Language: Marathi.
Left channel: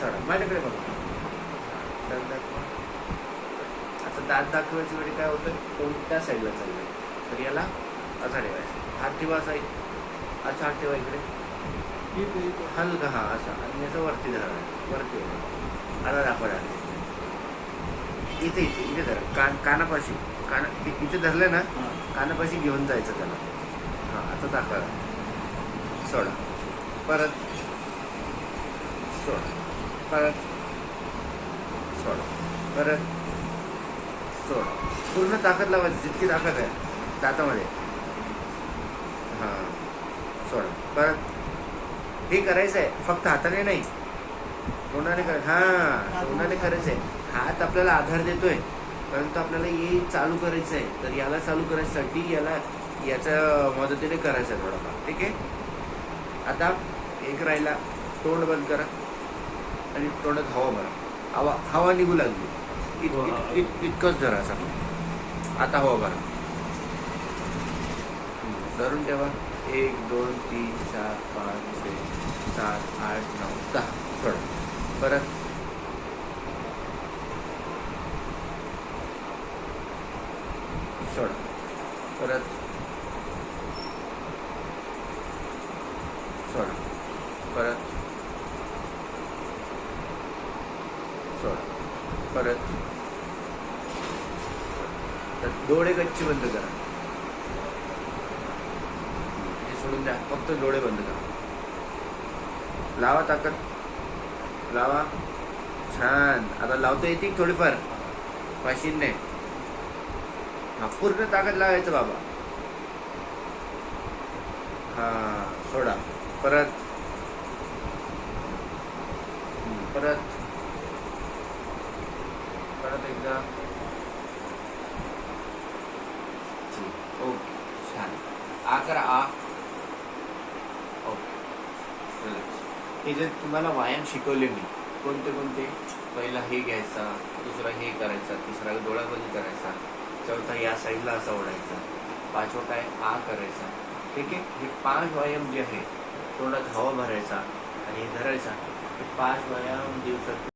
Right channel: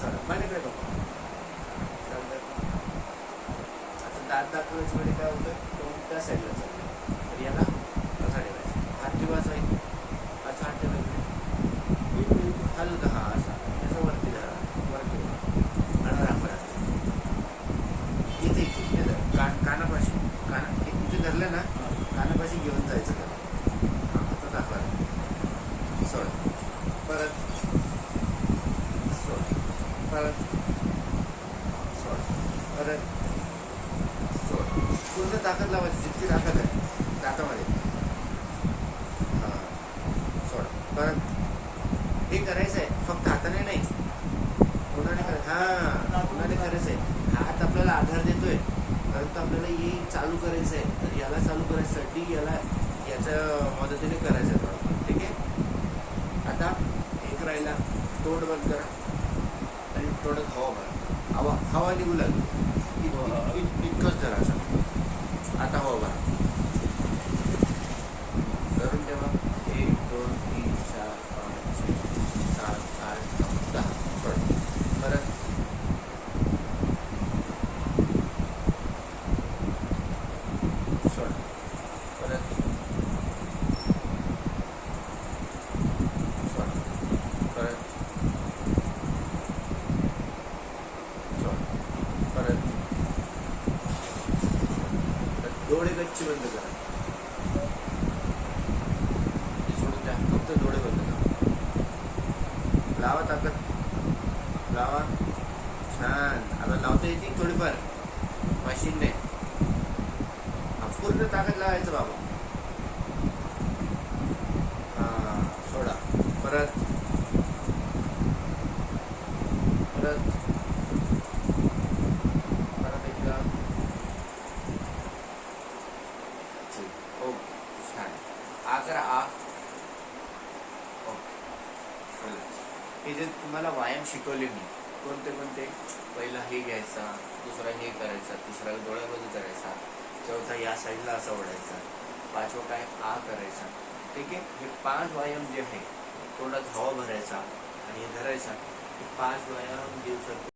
सर माझ्याकडे बघा. दात दाखवा आता दात दाखवायच्या वेळी काय होतं तोंड त्या साईडला चाललंय? तर याला असा ठेवायचा हात ठेवायचा आहे असा हात ठेवा इकडे. हलका हा असा. आणि असं वरती धरा. वरती आता दाखवा. इथे इथे इथे धरा. कान कानापाशी. काना इथे धरलं ना कानापाशी घेऊन जायचं त्याला. हां आता दाखवा. सोडा. परत सोडा. परत सोडा. परत सोडा. पूर्ण ताकद लावायची जितकी ताकद आहे दातामध्ये. हां. सोडा. परत हे करायचं आहे फक्त हाताने नाही. तोंडाने करायचं? हां. तोंडाने करायचं आहे हात आपल्याला आधार देतोय. परंतु आपल्याला हे चालू करायचं आहे तर याला चालू करायसाठी याला याच्या मदतीने करायचं आहे थोडंफार. ठीक आहे? आता एक राहिला तोंड बंद करा आणि तोंडात हवा भरा. हवा हवा निघू लागली. इत- इत- इत- इतकंच धरा असं. आता हवा भरा. धरून ठेवा. एक दोन तीन चार पाच छे सात आठ नऊ दहा. सोडा. परत. सोडा. परत सोडा परत. परत. तर डोळे गच्ची बंद करा. ते सोडून द्या. फक्त डोळे बंद करा. लावा ताकद. लावा. छान. आता लावता येते थोडीफार. मशीनने हा पूर्ण ताकद लावायचं बाबा. हा सोडा. परत. परत परत एकदा. ठीक ओके छान आ करा आ. ओके हे जे तुम्हाला व्यायाम शिकवले मी कोणते कोणते? पहिला हे घ्यायचा दुसरा हे करायचा तिसरा डोळ्यामध्ये करायचा चौथा या साईडला असा ओढायचा पाचवा काय? आ करायचा. ठीक आहे? हे पाच व्यायाम जे आहे तोंडात हवा भरायचा आणि हे धरायचा. हे पाच व्यायाम दिवसात